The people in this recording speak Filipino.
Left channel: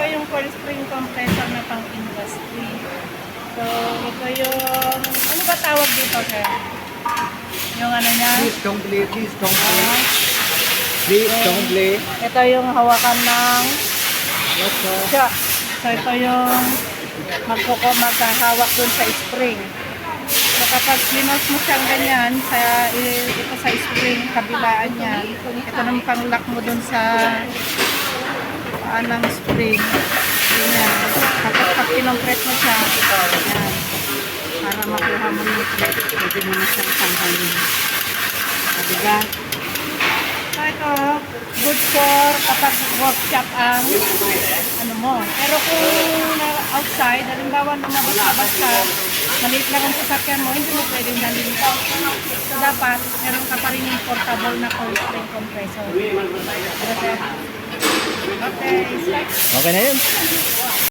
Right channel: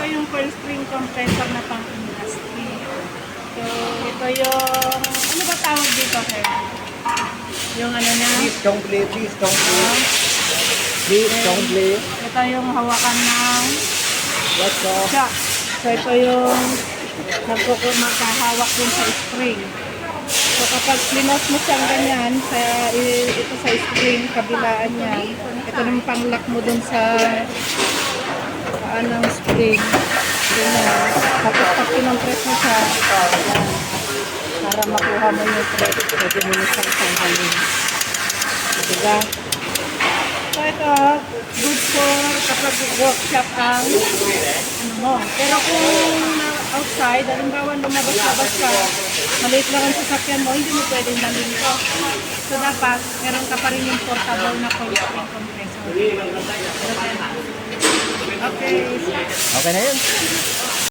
ito yung coil spring compressor na pang industry. So, ito yung, ano ba tawag dito, sir? Yung ano na? Please don't play, please don't play. Please don't play. Ito yung hawakan ng What's up? shock. So, ito yung magkahawak dun sa spring. So, kapag linas mo siyang ganyan, ito sa spring, kabilaan niya, ito nang pang-lock mo dun sa ng spring. Ganyan. Tapos pag pinong-press mo siya, para makuha mo yung press, pwede mo na siyang tanggalin. Diba? So, ito, good for kapag workshop ang ano mo. Pero kung outside, halimbawa lumabas-labas ka, maliit lang ang sasakyan mo, hindi mo pwedeng dalhin ka. So, dapat, meron ka pa rin yung portable na coil spring compressor. Okay. Okay na yun.